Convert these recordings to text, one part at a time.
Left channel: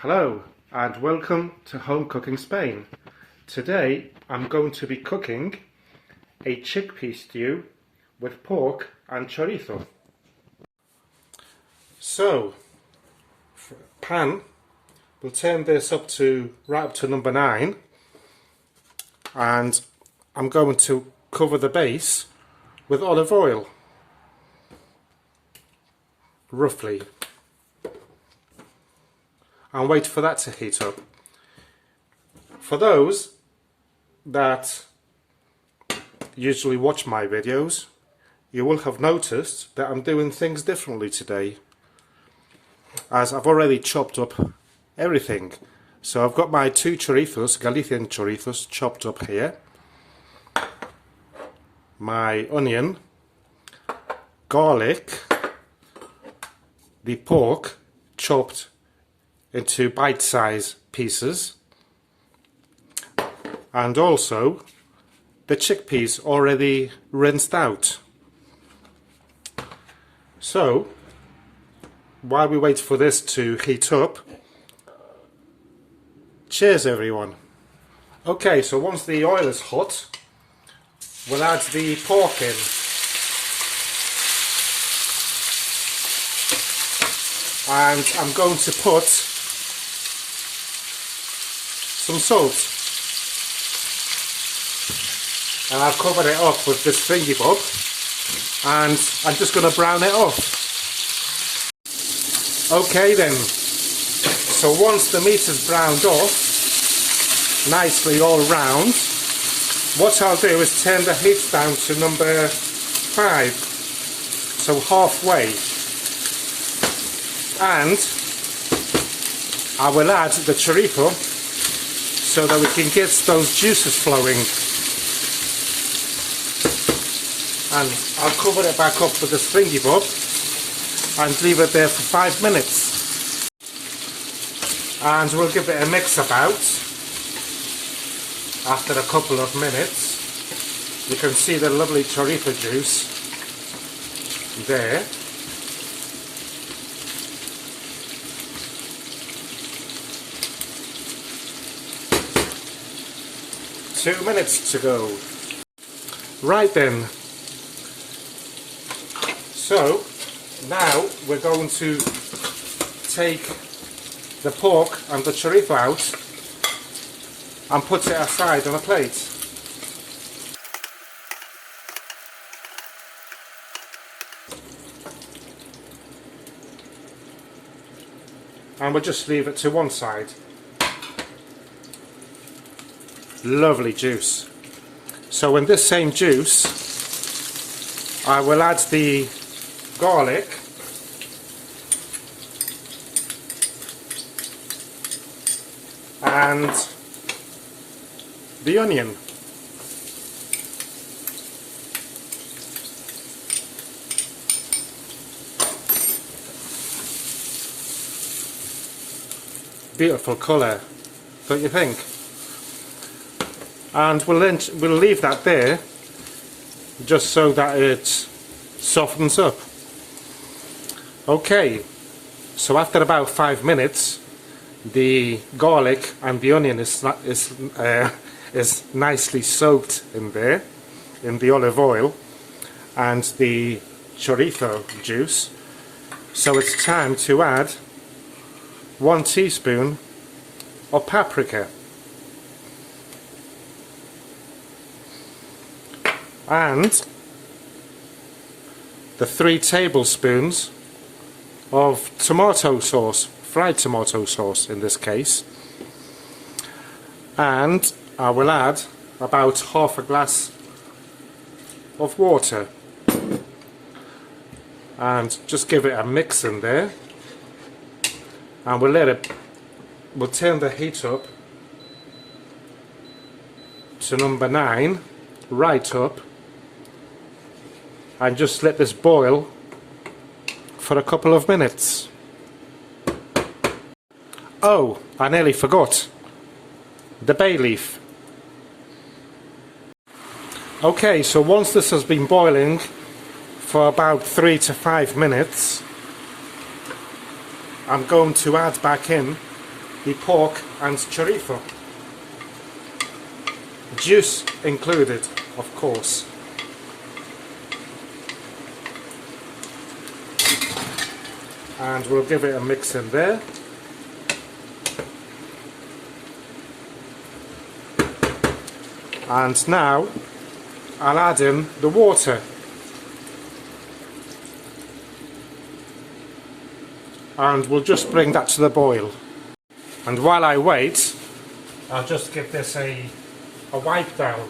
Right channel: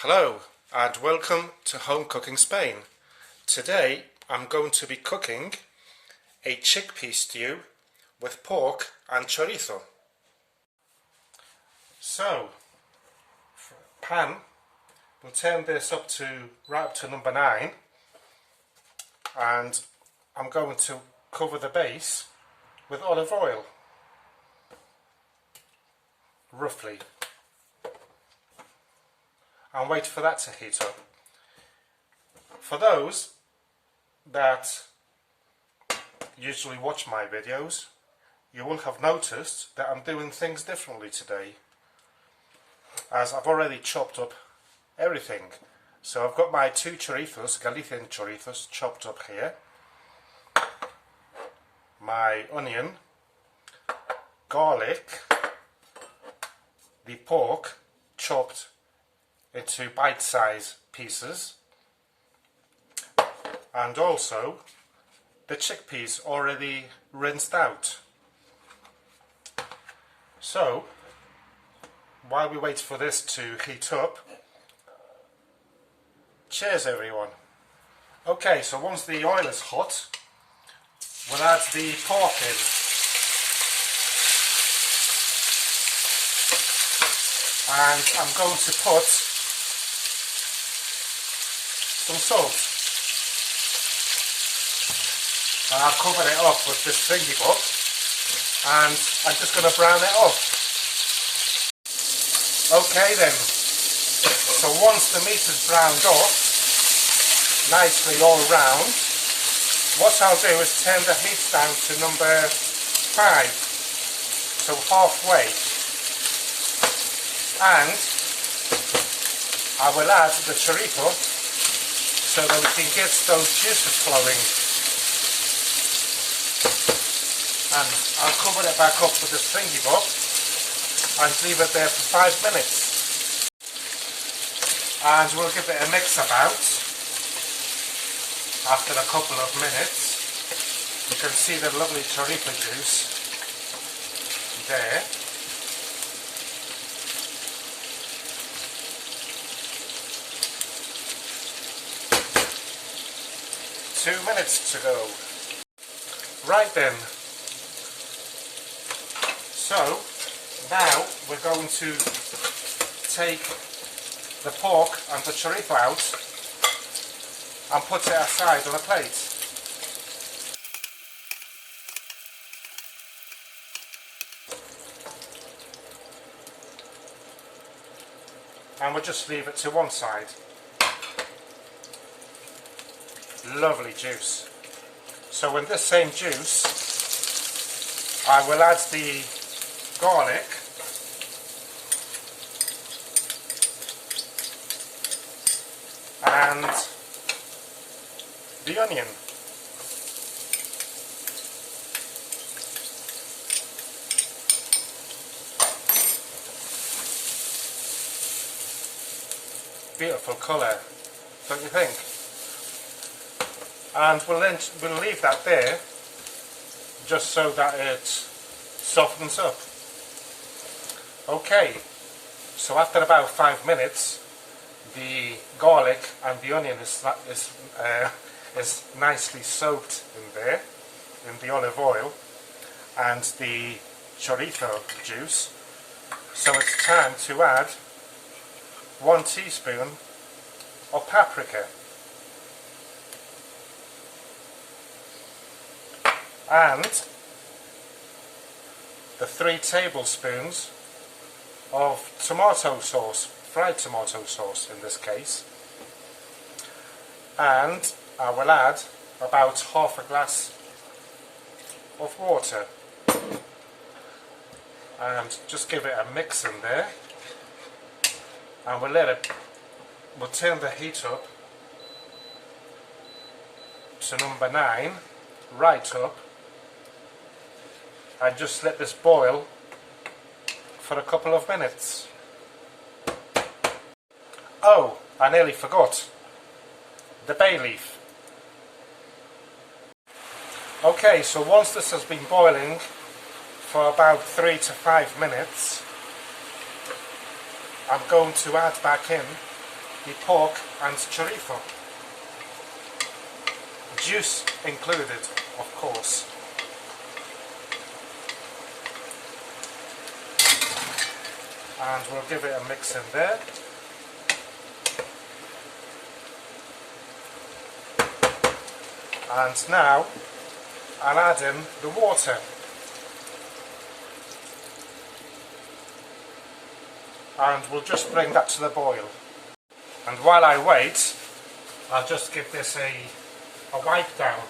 Hello and welcome to Home Cooking Spain. Today I'm going to be cooking a chickpea stew with pork and chorizo. So, for a pan, we'll turn this right up to number 9, and I'm going to cover the base with olive oil, roughly, and wait for that to heat up. For those that usually watch my videos, you will have noticed that I'm doing things differently today, as I've already chopped up everything. So I've got my 2 chorizos, Galician chorizos, chopped up here, my onion, garlic, the pork chopped into bite-sized pieces, and also the chickpeas already rinsed out. So while we wait for this to heat up, cheers everyone. Okay, so once the oil is hot, we'll add the pork in. And I'm going to put some salt, and I'll cover it up with this thingy bob, and I'm just going to brown it off. Okay then, so once the meat is browned off nicely all round, what I'll do is turn the heat down to number 5, so halfway, and I will add the chorizo so that we can get those juices flowing, and I'll cover it back up with this thingy bob and leave it there for 5 minutes, and we'll give it a mix about. After a couple of minutes you can see the lovely chorizo juice there. Two minutes to go. Right then, so now we're going to take the pork and the chorizo out and put it aside on a plate. And we'll just leave it to one side. Lovely juice. So in this same juice I will add the garlic, and the onion, beautiful colour, don't you think? And we'll leave that there just so that it softens up. Okay, so after about 5 minutes the garlic and the onion is nicely soaked in there, in the olive oil and the chorizo juice. So it's time to add 1 teaspoon of paprika and the 3 tablespoons of tomato sauce, fried tomato sauce in this case, and I will add about half a glass of water and just give it a mix in there, and we'll turn the heat up to number 9, right up, and just let this boil for a couple of minutes. Oh, I nearly forgot the bay leaf. Okay, so once this has been boiling for about 3 to 5 minutes, I'm going to add back in the pork and chorizo. Juice included, of course. And we'll give it a mix in there. And now I'll add in the water. And we'll just bring that to the boil. And while I wait, I'll just give this a wipe down,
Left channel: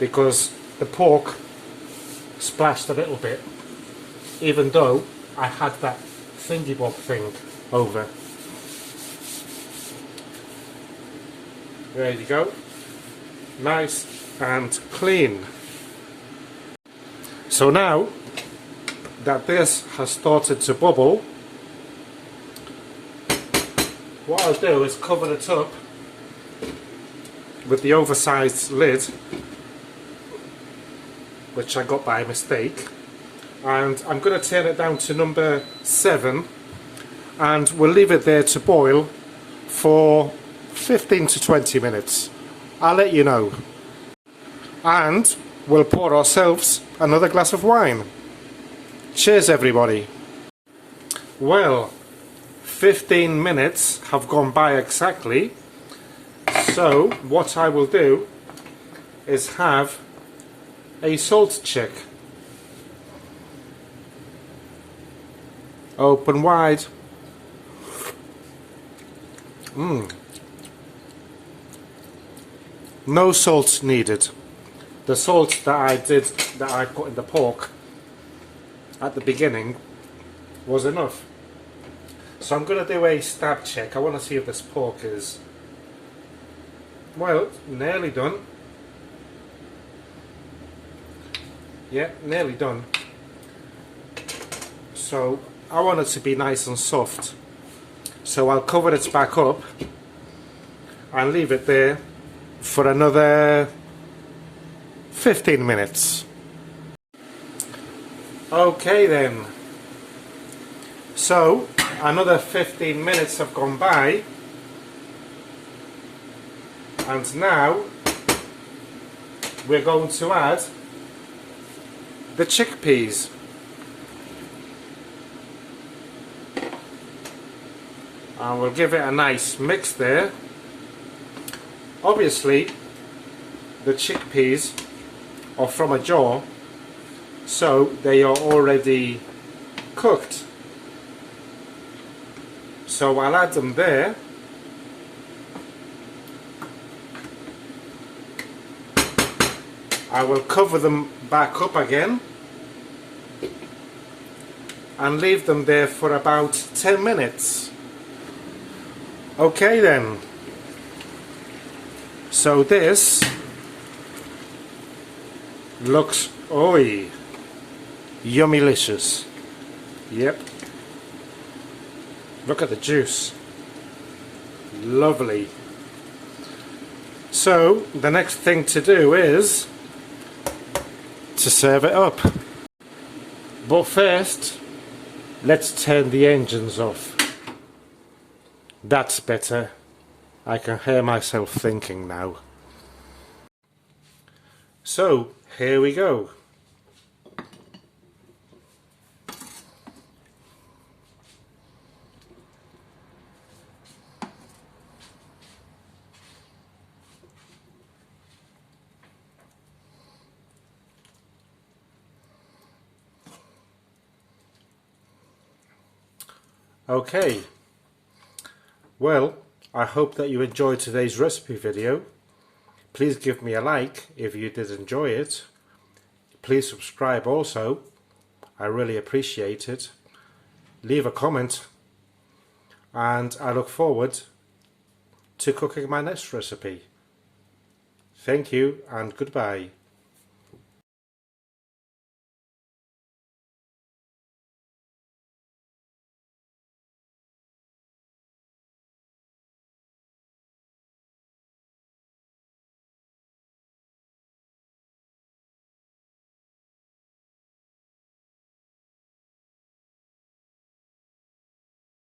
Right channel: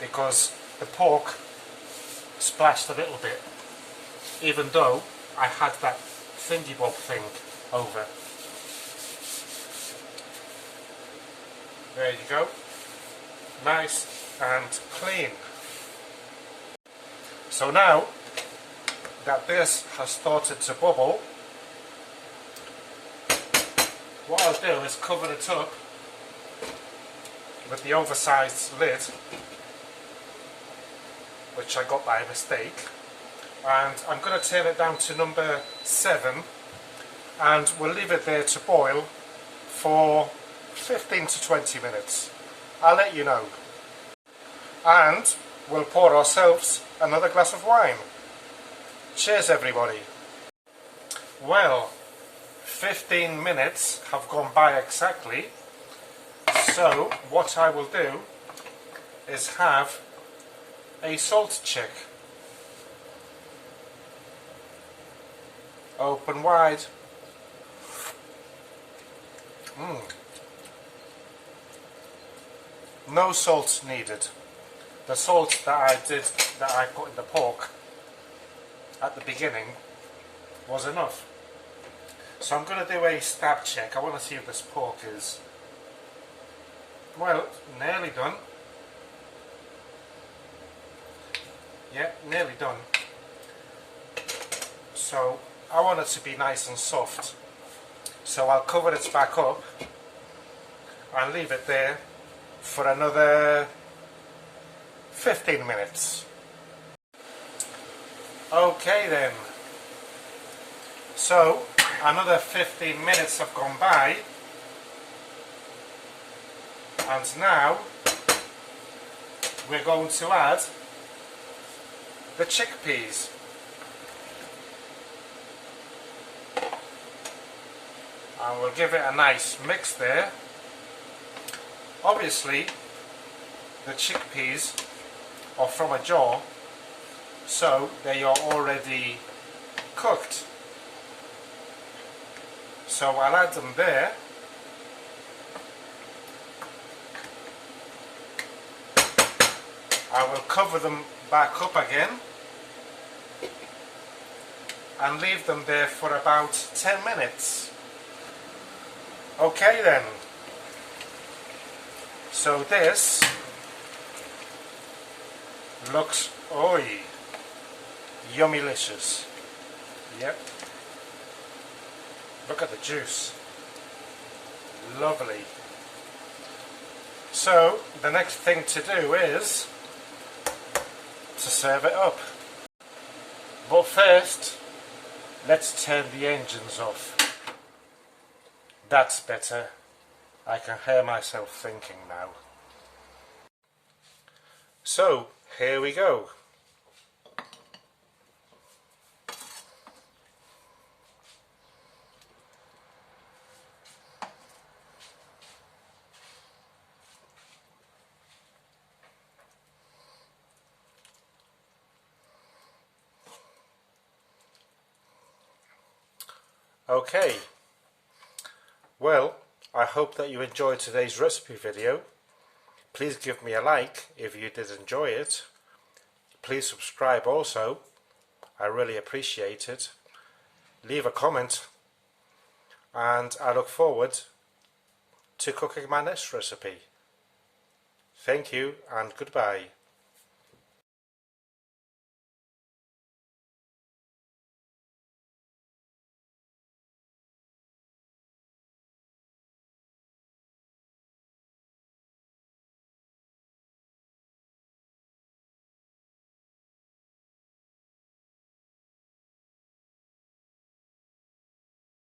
because the pork splashed a little bit, even though I had that thingy bob thing over. There you go, nice and clean. So now that this has started to bubble, what I'll do is cover it up with the oversized lid, which I got by mistake, and I'm going to turn it down to number 7, and we'll leave it there to boil for 15 to 20 minutes. I'll let you know. And we'll pour ourselves another glass of wine. Cheers everybody. Well, 15 minutes have gone by exactly, so what I will do is have a salt check. Open wide. No salt needed. The salt that I put in the pork at the beginning was enough. So I'm going to do a stab check. I want to see if this pork is, well, nearly done. Yeah, nearly done. So I want it to be nice and soft. So I'll cover it back up and leave it there for another 15 minutes. Okay then. So another 15 minutes have gone by, and now we're going to add the chickpeas. And we'll give it a nice mix there. Obviously the chickpeas are from a jar, so they are already cooked. So I'll add them there. I will cover them back up again and leave them there for about 10 minutes. Okay then. So this looks, oi, yummylicious. Yep. Look at the juice. Lovely. So the next thing to do is to serve it up. But first, let's turn the engines off. That's better. I can hear myself thinking now. So here we go. Okay, well, I hope that you enjoyed today's recipe video. Please give me a like if you did enjoy it. Please subscribe also, I really appreciate it. Leave a comment, and I look forward to cooking my next recipe. Thank you and goodbye.